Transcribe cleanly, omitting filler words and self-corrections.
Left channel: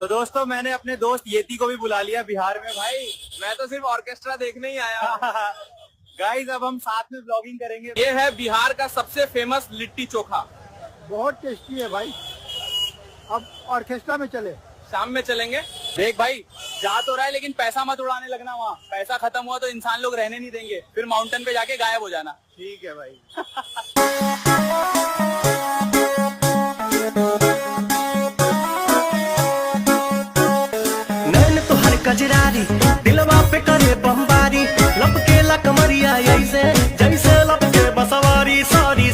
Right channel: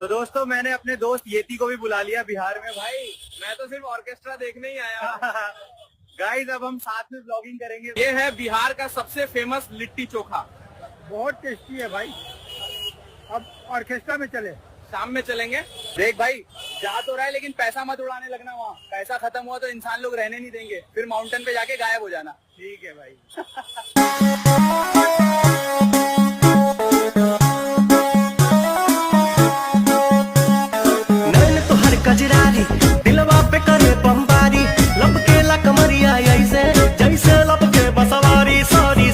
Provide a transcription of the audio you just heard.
तो दोस्तों मैंने अपने दोस्त येती को भी बुला लिया बिहार में भाई। मैं तो सिर्फ ऑर्केस्ट्रा देखने ही आया हूँ। गाइस अब हम साथ में ब्लॉगिंग करेंगे। ये है बिहार का सबसे फेमस लिट्टी चोखा। बहुत टेस्टी है भाई। अब ऑर्केस्ट्रा में चले, शाम में चलेंगे। देख भाई, जा तो रहा है लेकिन पैसा मत उड़ाने लगना। वहाँ पैसा खत्म हुआ तो इंसान लोग रहने नहीं देंगे, फिर माउंटेन पे जाके गायब हो जाना। ठीक है भाई। नैन तो हर कजरारी दिलवा पे करे बमबारी, लपके ला कमरिया ऐसे जैसे लपके बसवारी। सॉरी